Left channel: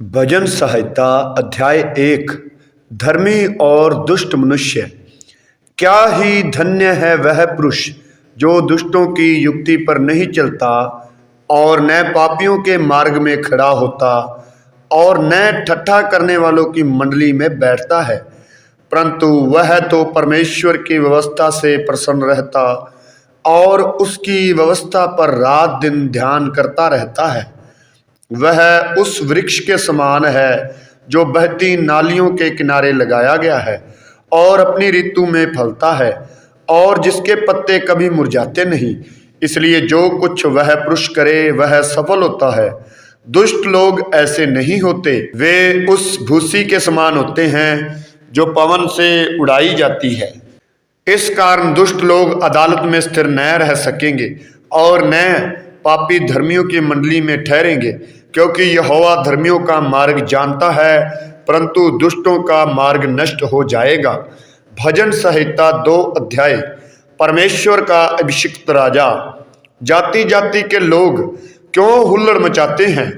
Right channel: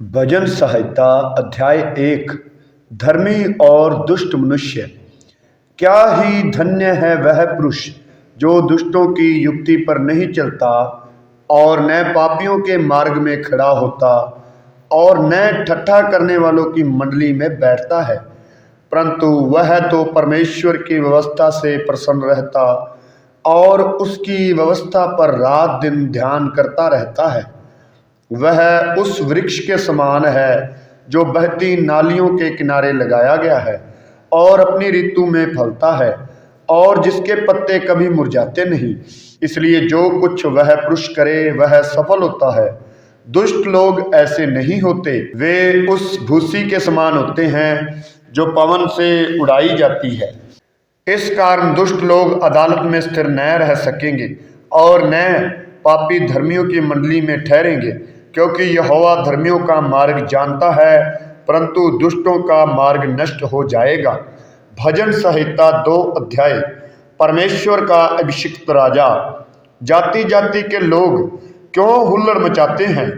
भजन संहिता अध्याय 1। धर्मी और दुष्ट मनुष्य। क्या ही धन्य है वह पुरुष जो दुष्टों की युक्ति पर नहीं चलता और न पापियों के मार्ग में खड़ा होता और न ठट्ठा करने वालों की मंडली में बैठता है, परंतु वह तो परमेश्वर की व्यवस्था से प्रसन्न रहता और उसकी व्यवस्था पर रात दिन ध्यान करता रहता है। वह उस वृक्ष के समान है जो बहती नालियों के किनारे लगाया गया है और अपनी ऋतु में फलता है और जिसके पत्ते कभी मुरझाते नहीं। इसलिए जो कुछ वह पुरुष करे वह सफल होता है। दुष्ट लोग ऐसे नहीं होते, वे उस भूसी के समान होते हैं जो पवन से उड़ाई जाती है। इस कारण दुष्ट लोग अदालत में स्थिर न रह सकेंगे और न पापी धर्मियों की मंडली में ठहरेंगे, क्योंकि यहोवा धर्मियों का मार्ग जानता है, परंतु दुष्टों का मार्ग नष्ट हो जाएगा। भजन संहिता 2 अध्याय। परमेश्वर का अभिषिक्त राजा। जाति जाति के लोग क्यों हुल्लड़ मचाते हैं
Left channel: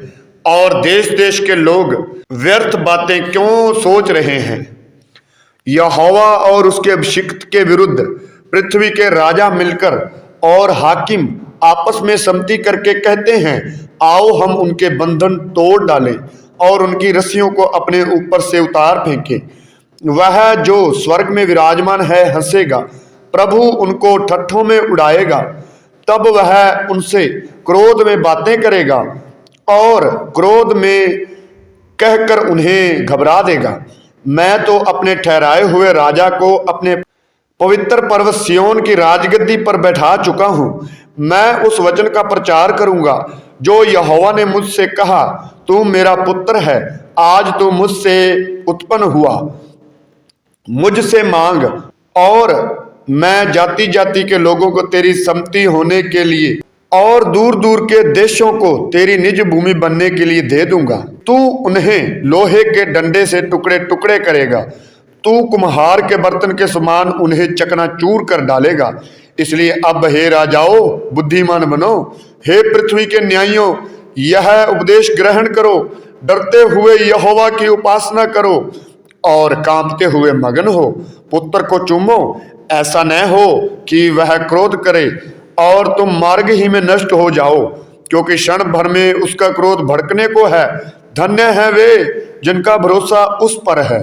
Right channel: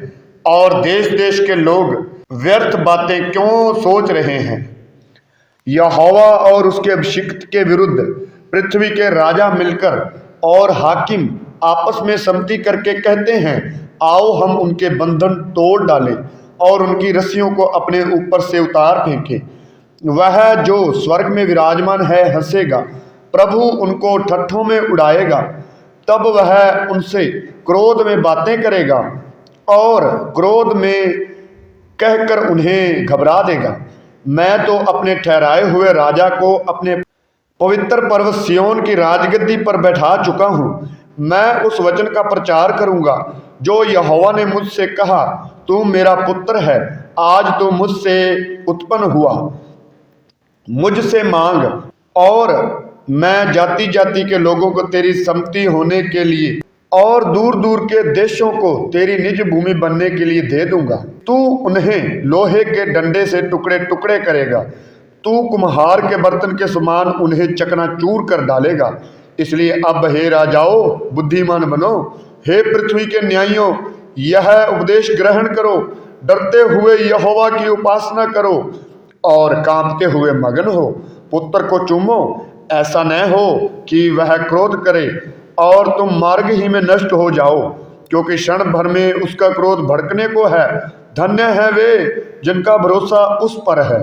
और देश देश के लोग व्यर्थ बातें क्यों सोच रहे हैं। यहोवा और उसके अभिषिक्त के विरुद्ध पृथ्वी के राजा मिलकर और हाकिम आपस में सम्मति करके कहते हैं, आओ हम उनके बंधन तोड़ डालें और उनकी रस्सियों को अपने ऊपर से उतार फेंकें। वह जो स्वर्ग में विराजमान है हंसेगा, प्रभु उनको ठट्ठों में उड़ाएगा। तब वह उनसे क्रोध में बातें करेगा और क्रोध में कहकर उन्हें घबरा देगा। मैं तो अपने ठहराए हुए राजा को अपने पवित्र पर्वत सिय्योन की राजगद्दी पर बैठा चुका हूं। मैं उस वचन का प्रचार करूंगा जो यहोवा ने मुझसे कहा, तू मेरा पुत्र है, आज तू मुझसे उत्पन्न हुआ। मुझसे मांग और मैं जाति जाति के लोगों को तेरी सम्मति होने के लिए और दूर दूर के देशों को तेरी निज भूमि बनने के लिए दे दूंगा। तू उन्हें लोहे के डंडे से टुकड़े टुकड़े करेगा, तू कुम्हार के बर्तन के समान उन्हें चकनाचूर कर डालेगा। इसलिए अब हे राजाओं, बुद्धिमान बनो, हे पृथ्वी के न्यायियों, यह उपदेश ग्रहण करो। डरते हुए यहोवा की उपासना करो और कांपते हुए मगन हो। पुत्र को चूमो, ऐसा न हो कि वह क्रोध करे और तुम मार्ग ही में नष्ट हो जाओ, क्योंकि क्षण भर में उसका क्रोध भड़कने को है। धन्य है वे जिनका भरोसा उस पर है।